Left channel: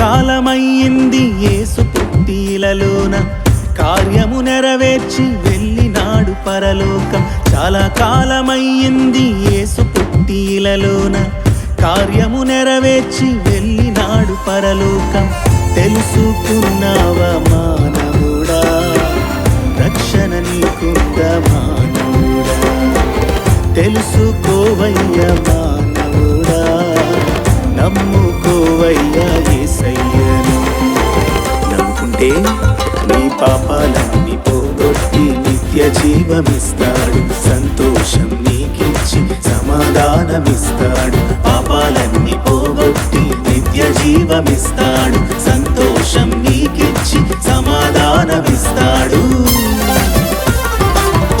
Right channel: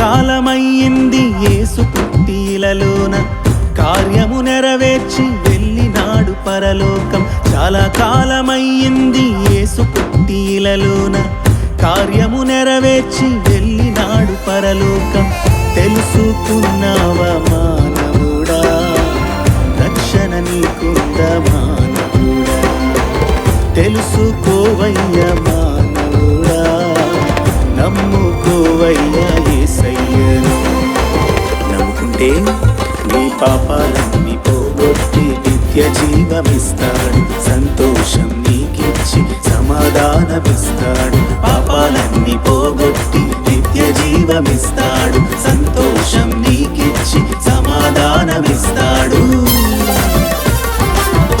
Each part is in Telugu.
కాలమయ్యింది ఏసు పుట్టిలలోన. కార్యము నెరవేర్చి వెళ్ళినాడు పరలోకం. చాలా కాలమయ్యింది ఏసు పుట్టిలలోన. కార్యము నెరవేర్చి వెళ్ళినాడు పరలోకం. తెలుసుకున్నావా మానవుడా? రక్షణ నీకుంద మానవుడా? తెలుసుకోవయ్య మానవుడా? నమ్ముకోవయ్యా ఏసయ్యను. నమ్ముకుంటే నీ పాపాలన్నీ పోగొట్టి నిత్య జీవమిస్తాడు. సంతోషం నీకిచ్చి సమాధానమిస్తాడు. పాపాలన్నీ పోగొట్టి నిత్య జీవమిస్తాడు. సంతోషం నీకిచ్చి సమాధానమిస్తాడు.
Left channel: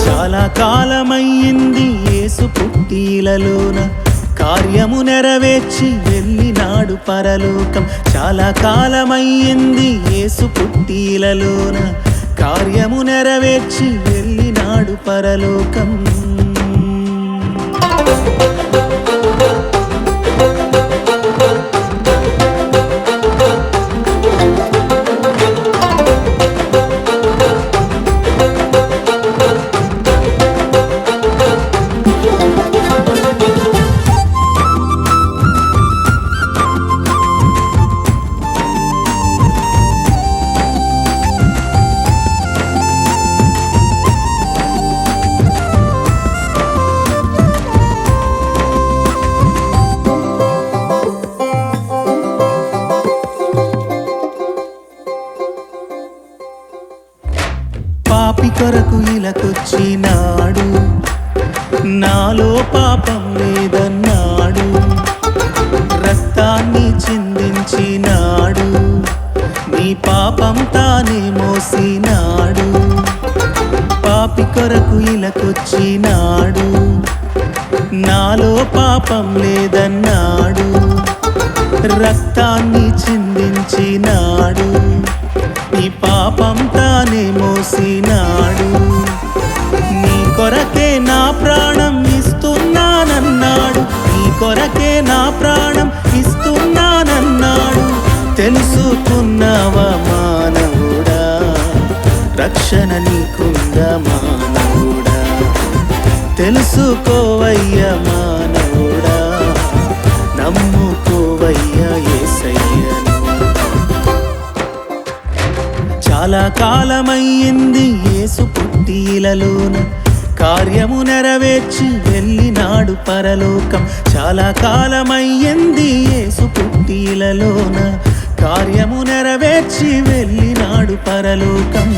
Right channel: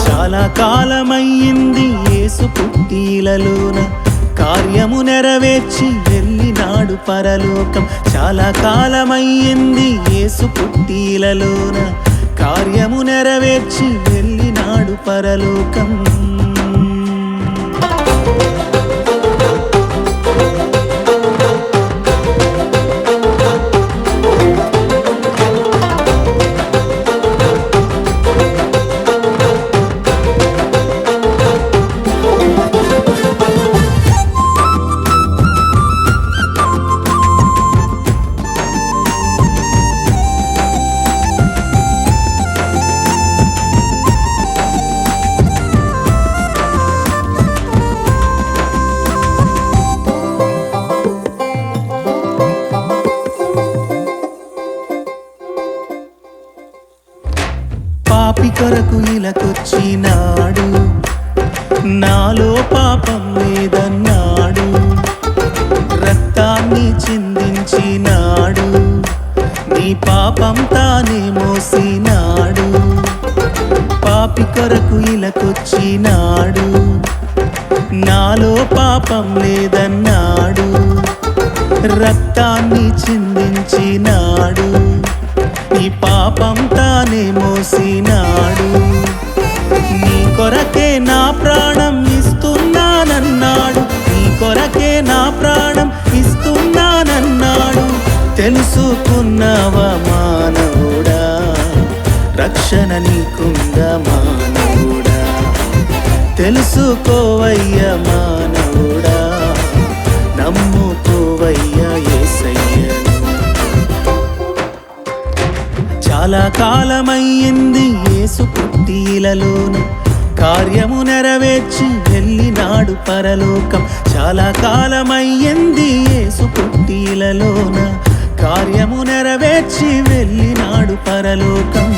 చాలా కాలమయ్యింది ఏసు పుట్టిలలోన. కార్యము నెరవేర్చి వెళ్ళినాడు పరలోకం. చాలా కాలమయ్యింది యేసు పుట్టిలలోన. కార్యము నెరవేర్చి వెళ్ళినాడు పరలోకం. కొరకు ఇలకొచ్చినాడు నాలో పాపం లేదన్నాడు. రక్తాన్ని చిందించినాడు. నీ పాపం తానే మోసినాడు. పాపి కొరకు ఇలకొచ్చినాడు. నాలో పాపం లేదన్నాడు. రక్తాన్ని చిందించినాడు. నీ పాపం తానే మోసినాడు. నీ కొరకే నా ప్రాణం ఇస్తున్నానన్నాడు. నీ కొరకే నా ప్రాణం ఇస్తున్నానన్నాడు. తెలుసుకున్నావా మానవుడా? రక్షణ నీకుంద మానవుడా? తెలుసుకోవయ్య మానవుడా? నమ్ముకోవయ్య ఏసయ్యను. చాలా కాలమయ్యింది యేసు పుట్టిలలోన కార్యము నెరవేర్చి వెళ్ళినాడు పరలోకం. చాలా కాలమయ్యింది యేసు పుట్టిలలోన కార్యము నెరవేర్చి వెళ్ళినాడు పరలోకం.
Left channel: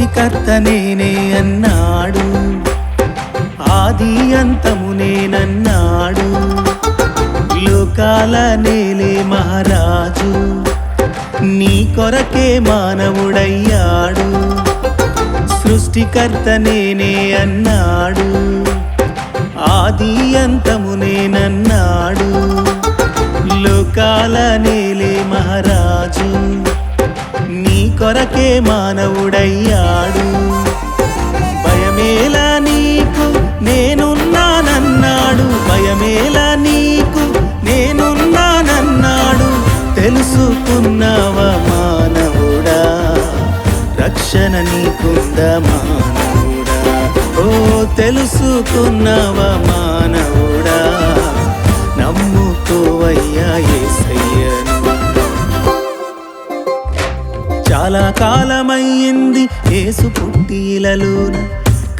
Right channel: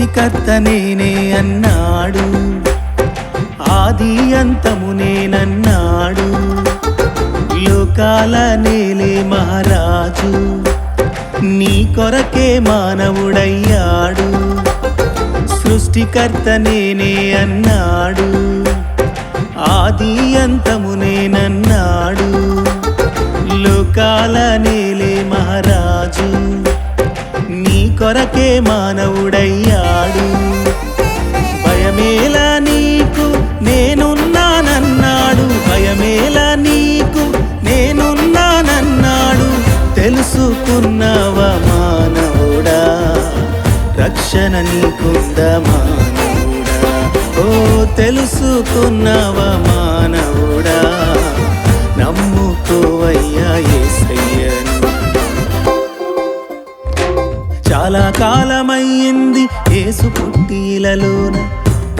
సృష్టికర్త నేనే అన్నాడు. ఆది అంతము నేనన్నాడు. లోకాల నేలే మహారాజు. నీ కొరకే మానవుడయ్యాడు. సృష్టికర్త నేనే అన్నాడు. ఆది అంతము నేనన్నాడు. లోకాల నేలే మహారాజు. నీ కొరకే మానవుడయ్యాడు. భయమేలా నీకు నేనున్నానన్నాడు. భయమేలా నీకు నేనున్నానన్నాడు. తెలుసుకున్నావా మానవుడా? రక్షణ నీకుంద మానవుడా? ఓ తెలుసుకున్నావా మానవుడా? నమ్ముకోవయ్యా ఏసయ్యను. చాలా కాలమయ్యింది యేసు పుట్టిలలోన.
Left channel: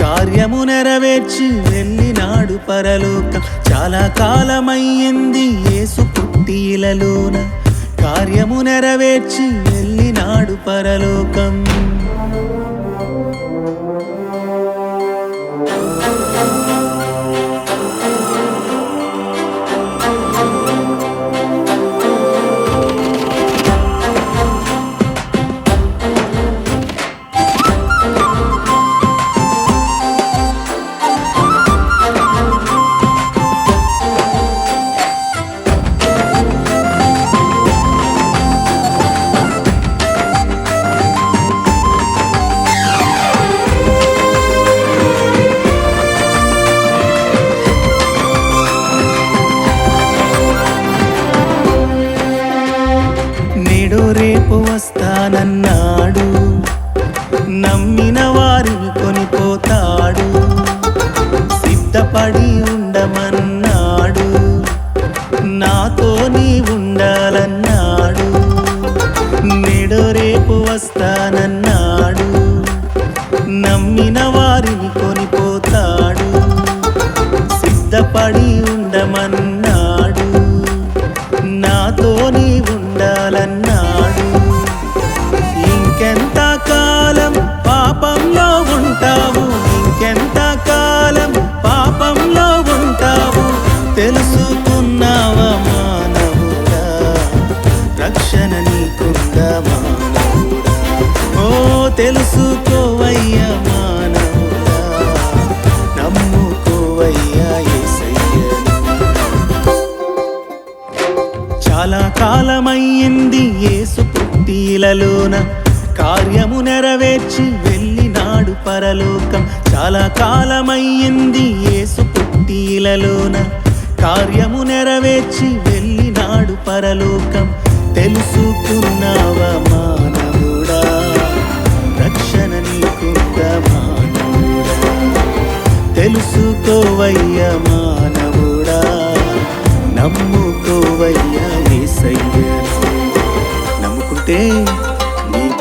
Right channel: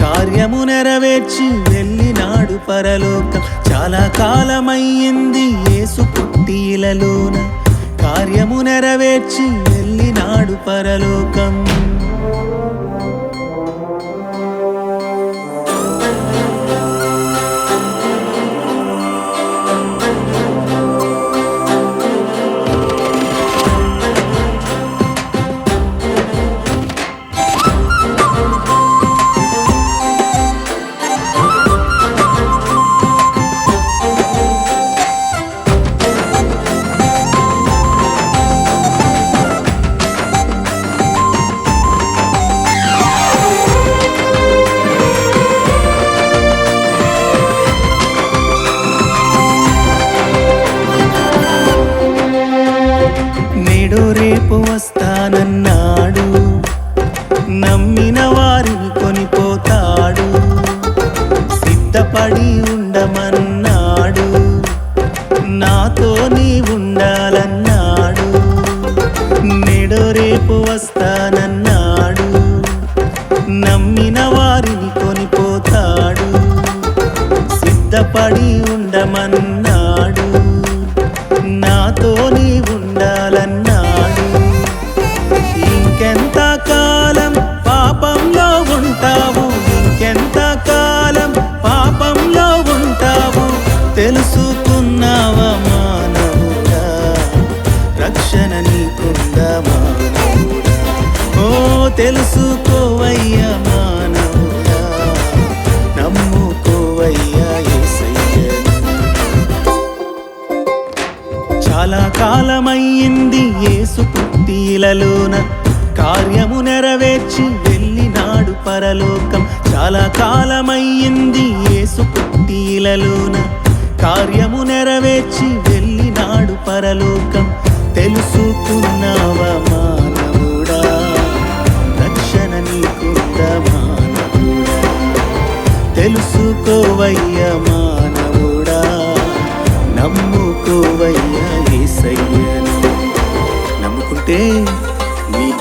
కార్యము నెరవేర్చి వెళ్ళినాడు పరలోకం. చాలా కాలమయ్యింది యేసు పుట్టిలలోన. కార్యము నెరవేర్చి వెళ్ళినాడు పరలోకం. నన్నాడు. నమ్మిన వారిని కొనిపోతాడు. సిద్ధపడి ఉండమన్నాడు. నాతో నీ ఉండాలన్నాడు. నేడో రేపు వస్తానన్నాడు. నమ్మిన వారిని కొనిపోతాడు. సిద్ధపడి ఉండమన్నాడు. నాతో నీ ఉండాలన్నాడు. ఇంకెంత కాలం పాపంలో ఉంటావు? ఇంకెంత కాలం పాపంలో ఉంటావు? తెలుసుకున్నావా మానవుడా? రక్షణ నీకుందా మానవుడా? ఓ తెలుసుకోవయ్యా మానవుడా. నమ్ముకోవయ్యా ఏసయ్యను. చాలా కాలమయ్యింది ఏసు పుట్టిలలోన. కార్యము నెరవేర్చి వెళ్ళినాడు పరలోకం. చాలా కాలమయ్యింది ఏసు పుట్టిలలోన కార్యము నెరవేర్చి వెళ్ళినాడు పరలోకం. తెలుసుకున్నావా మానవుడా? రక్షణ నీకుంద మానవుడా? తెలుసుకోవయ్య మానవుడా? నమ్ముకోవయ్య ఏసయ్యను. నమ్ముకుంటే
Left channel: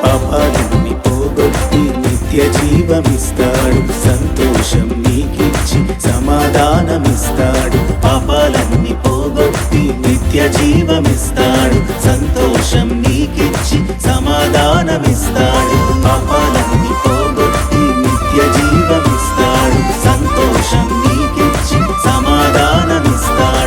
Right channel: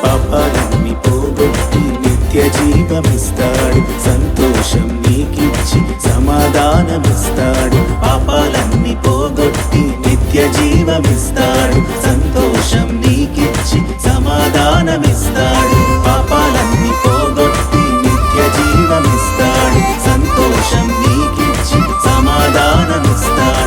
పాపాలని పోగొట్టి నిత్య జీవమిస్తాడు. సంతోషం నీకిచ్చి సమాధానమిస్తాడు. పాపాలన్నీ పోగొట్టి నిత్య జీవమిస్తాడు. సంతోషం నీకిచ్చి సమాధానమిస్తాడు. పాపాలన్నీ పోగొట్టి నిత్య జీవమిస్తాడు. సంతోషం నీకిచ్చి సమాధానమిస్తాడు.